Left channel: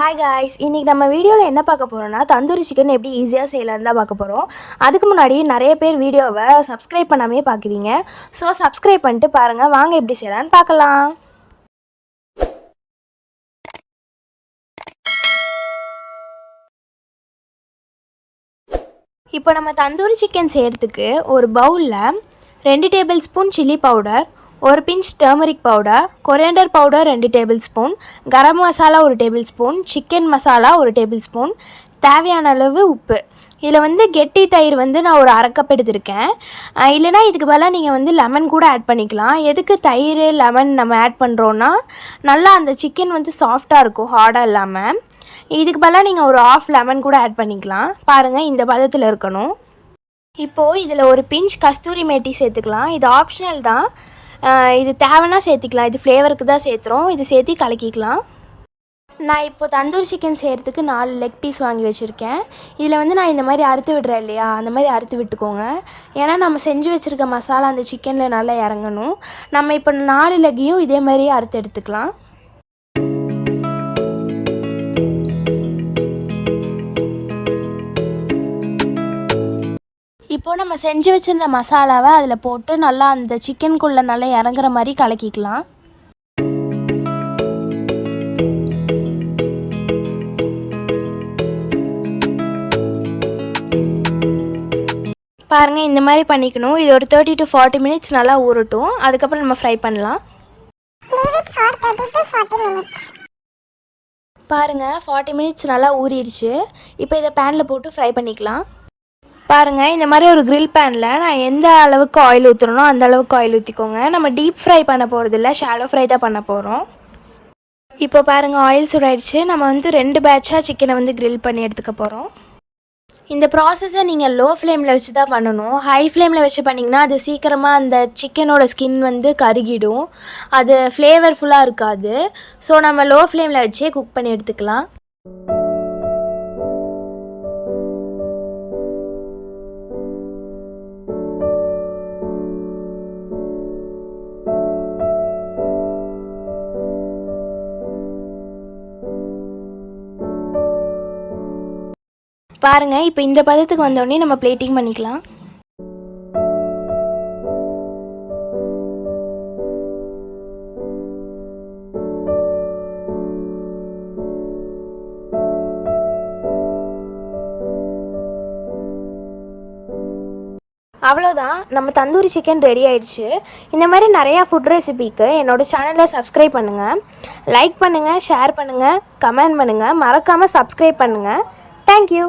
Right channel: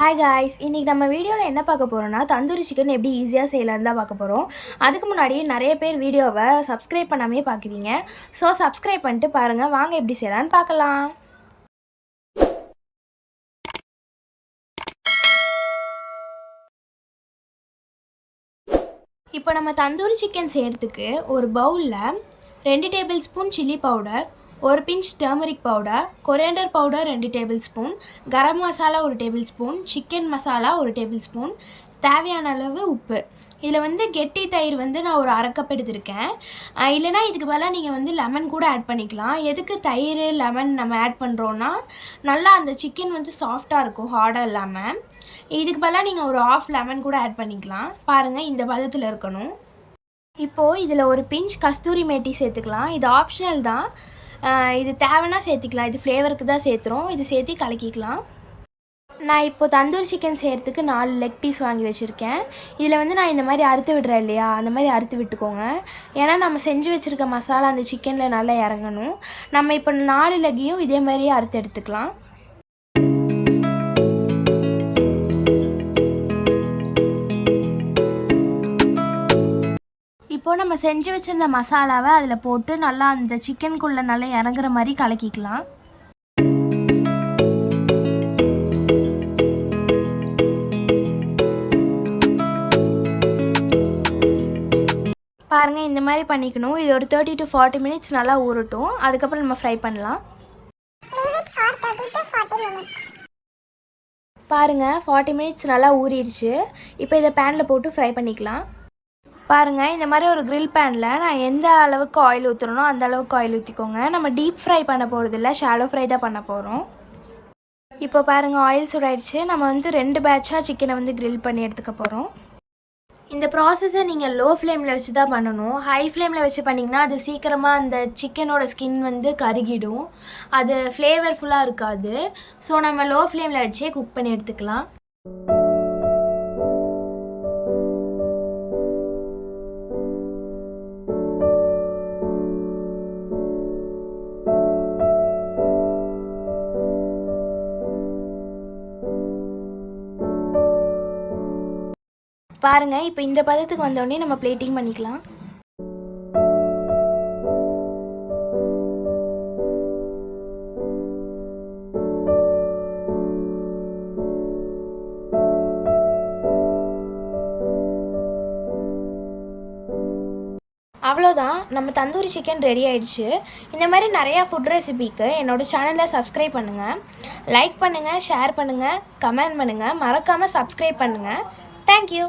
Hi guys, இன்றைக்கி நம்ம வீடியோவில் என்ன பார்க்க போகிறோம்னா தந்தூரி சிக்கன் எப்படி ஈஸியாக செய்யலான்னு தான் பார்க்க போகிறோம். அதுக்கு முன்னாடி நிறைய பேர் வீடியோவை சப்ஸ்கிரைப் பண்ணாமே பார்க்குறீங்க. ஸோ சப்ஸ்கிரைப் பண்ணிட்டு பாருங்கள். வாங்க எப்படி செய்யலான்னு பார்க்கலாம். இப்போ நம்ம தந்தூரி சிக்கன் செய்கிறதுக்கு ஒரு பவுலில் 2 டேபிள் ஸ்பூன் சில்லி பவுடர், ஒரு pinch turmeric powder, coriander powder 2 tablespoon, garam masala 1 tablespoon, chicken masala 1 tablespoon, தேவையான அளவு உப்பு. இதில் கெட்டி தயிர் நான் ஒரு அரை கப் எடுத்திருக்கேன். இல்லைனா இதுக்கு பதிலாக நீங்கள் லெமன் கூட ஆட் பண்ணிக்கலாம். எதுக்கு தயிர் லெமன் நம்ம ஆட் பண்ணுறோன்னா நல்லா அந்த சிக்கன் சாஃப்டாக இருக்கும், ஹார்டாக இல்லாமல். இதுக்கு பதிலாக நீங்கள் ஒரு ஆஃப் லெமன் கூட ஆட் பண்ணிக்கலாம். பாருங்கள், இந்த பதத்தில் இருக்கணும். இப்போது இதில் ஒரு பிஞ்ச் கஸ்தூரி மேட்டி சேர்த்துக்கலாம். இது ஆப்ஷனல் தான், இது தேவைன்னா சேர்த்திக்கலாம். இது ஃப்ளேவருக்கு தான் சேர்த்துறோம். இது சேர்த்து கலக்கிக்கலாம். நான் இப்போது தந்தூரி சிக்கன் செய்கிறதுக்கு 4 லெக் பீஸ் வாங்கி வச்சுருக்கேன். இதில் நான் இந்த மாதிரி அறுத்து விடுறேன் இல்லையா, அந்த மாதிரி அறுத்து விட்டுக்கோங்க. ஏன்னா நம்ம செஞ்சு வச்சுருக்க மசாலா அந்த சிக்கனில் நல்லா இறங்கணும். நம்ம இப்போ 4 லெக்கையும் இதே மாதிரியே அறுத்து எடுத்துக்கலாம். இப்போது நம்ம செஞ்சு வச்சுருந்த மசாலாவை அதில் போட்டு நல்லா அந்த சிக்கனுக்குள்ளே நல்லா இறங்குற மாதிரி கலக்கிக்கலாம். பாருங்கள், இந்த மாதிரி பண்ணிக்கணும். இது ஒரு 30 to 40 மினிட்ஸ் நல்லா ஊறட்டும். அதுக்கப்புறம் நம்ம ஃப்ரை பண்ணலாம். பாருங்கள், 40 மினிட்ஸ் நல்லா ஊறிடுச்சு. இப்போ இதை பேனில் போட்டு ஃப்ரை பண்ணிக்கலாம். பாருங்கள், இந்த மாதிரி ஒரு கிரில் பேனில் நான் எந்த அளவுக்கு ஆயில் ஊற்றுறனோ அந்த அளவுக்கு ஆயில் ஊற்றிக்கோங்க. நம்ம டீப் ஃப்ரை பண்ண போகிறதில்ல, ஷாலோ ஃப்ரை தான் பண்ண போகிறோம். இப்போ பாருங்கள், ஆயில் சூடாயிடுச்சு. நம்ம 2 பேட்சாக சிக்கனை கிரில் பண்ணி எடுத்துக்க போகிறோம். இந்த ப்ராசஸை நீங்கள் லோ ஃப்ளேமில் வச்சு தான் பண்ணணும். ஹை ஃப்ளேமில் வச்சு பண்ணிங்கன்னா அது சீக்கிரமாக அந்த சிக்கனோட ஸ்கின் கருகிடும். அது ஃப்ளேவர்ஃபுல்லாக இருக்காது. ஸோ நம்ம லோ ஃப்ளேமில் வச்சே குக் பண்ணி எடுத்துக்கலாம். பாருங்கள், இப்போ இந்த பதத்துக்கு வந்தோடனே நம்ம பிளேட்டிங் பண்ணிக்கலாம். அவ்வளோதான், நம்ம தந்தூரி சிக்கன் ரெடி ஆயிடுச்சு. இந்த மாதிரி நிறையா ஃபுட் ரெசிபிக்கு என்னோடய சேனலை சப்ஸ்கிரைப் பண்ணுங்கள், லைக் பண்ணுங்கள், ஷேர் பண்ணுங்கள், கமெண்ட் பண்ணுங்கள். மறக்காமல் சப்ஸ்கிரைப் பண்ணுங்கள். தேங்க்யூ.